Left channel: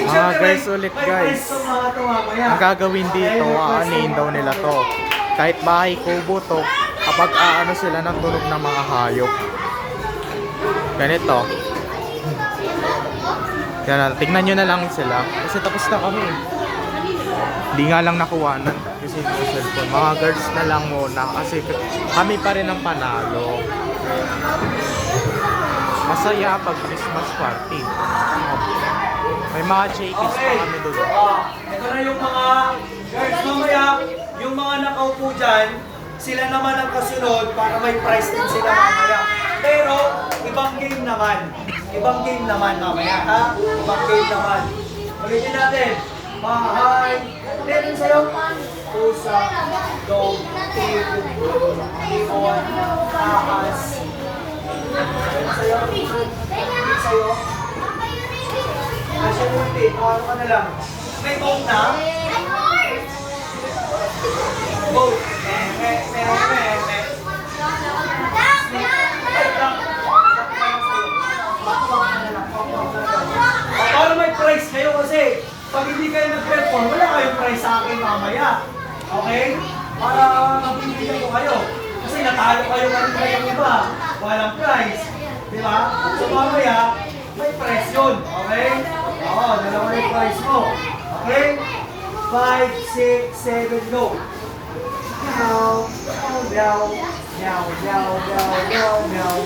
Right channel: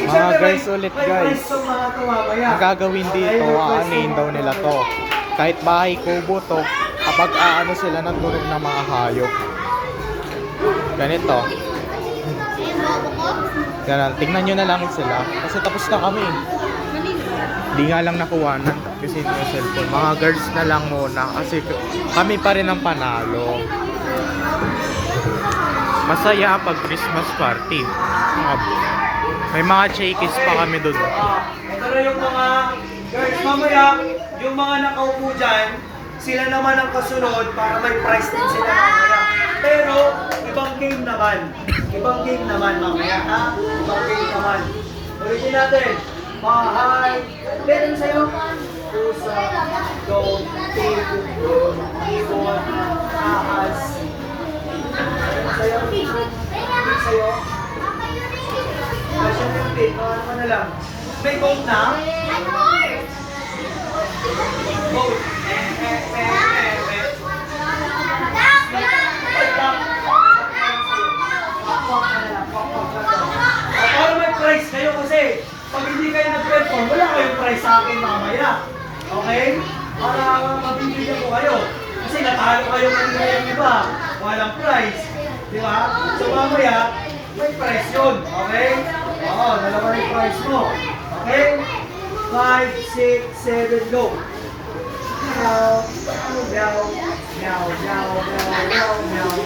Mga guys ulit guys, ang gagawin dito, aanin daw nila to. Kahit bahay kubo to, kapag aano sila ng tunog ng mga hayop. Ganito. Yan, tingnan nyo na lang sila. Kasi tapos na kami. Di nga lang nakuha na kasi yung cellphone. Mga girls na lang muna kasi kami pa rin ang panalo. Masaya pag Christmas party. May mga chickies pa kami doon. Ito na yung mga guys, mamaya yung mga nakaupo dyan, sila naman ang kasunod para may prize din sila mamaya. Pero ibang game naman. Ibang game naman mamaya, ha? Ibang game naman. Ulitin natin. Bahay. Meron sa'yo. Pusa. Go. Table. Ibon. Ahas. Meron sa'yo. Meron sa'yo. Asya na yung pin. Ano ka na lang. May vote na? Vote. Para may prize kayo kasi pag hindi kayo nag-perform, wala kayong prize sa akin mamaya. Okay? Para mabibigyan ko kayo. Kasi natalo kayo kanina yung iba. Walang prize. Di ba? So mamaya, may prize yun. Okay? Oo, dalawa na yung prize mo. Okay? 5, 6, 7, go! Meow, meow, meow, meow, meow, meow, meow.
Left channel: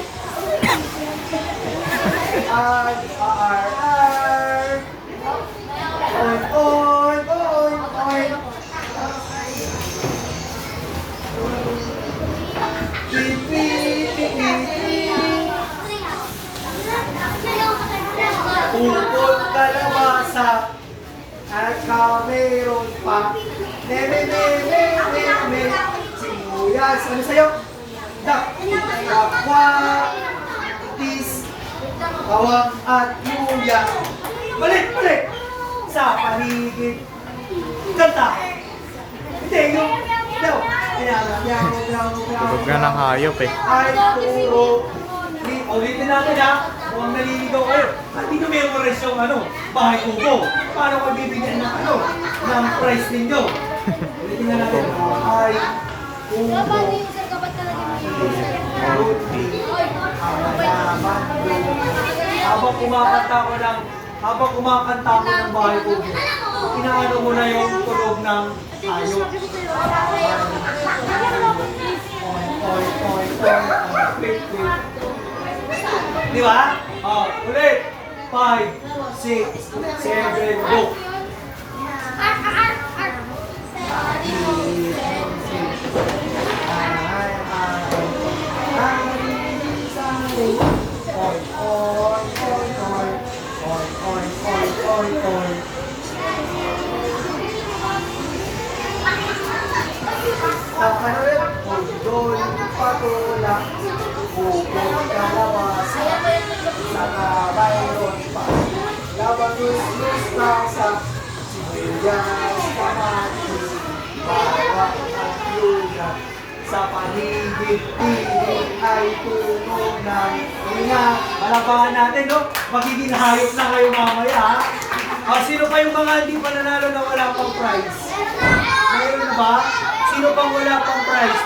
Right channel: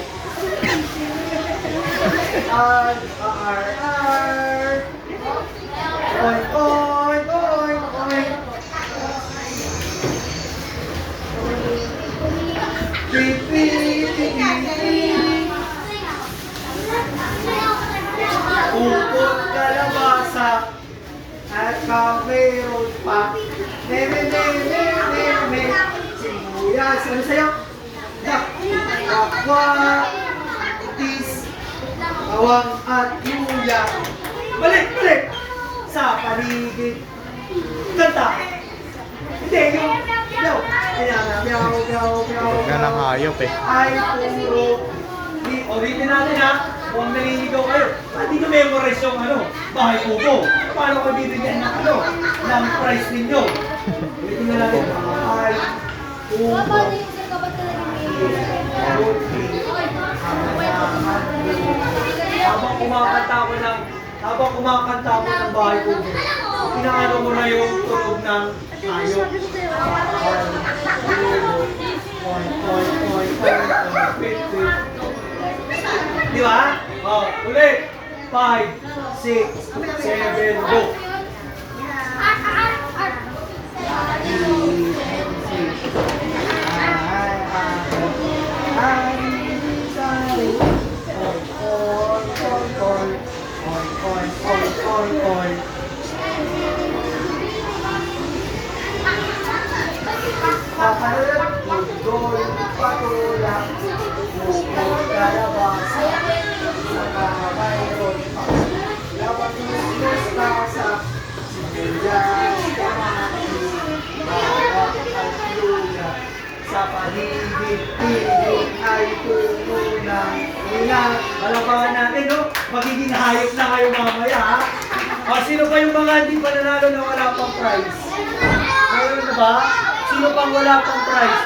R, R, R. Oy, oy, oy, oy. Pipi, pipi, upot kalabasa at kameron pa. Sibuyas. Ano sa'yo? Kapwa, tis, bawang at luya. Balik, balik! Sa paligid. Kanta! Hindi, yung meow. Ayan, meow, meow, meow. Tunog na ng hayop eh. Ay, puro. Ulitin natin ha. Huwag naliligaw kayo. Hindi ko memorize yung bahay kubo. Paano ko bibigyan ng ng prize ninyo? Ulitin na natin. Bahay kubo. Habang kumakanta ako ng bahay kubo, inaano mo na yung tunog ng hayop. Di ba? Ulit. 5, 6, 7, go. Patula, bukod kalabasa, nakabayron pa, labangus, mustasa, sibuyas, kamati, bawang at luya, sa paligid-tigid ay tuno ng ina. Palapakan natin, no? Magiging hayop na kayo mamaya, ha? Sino pa yung mga hindi pa nanalo na wala pang prize? Ngayon na ba? Sino pang wala pang prize?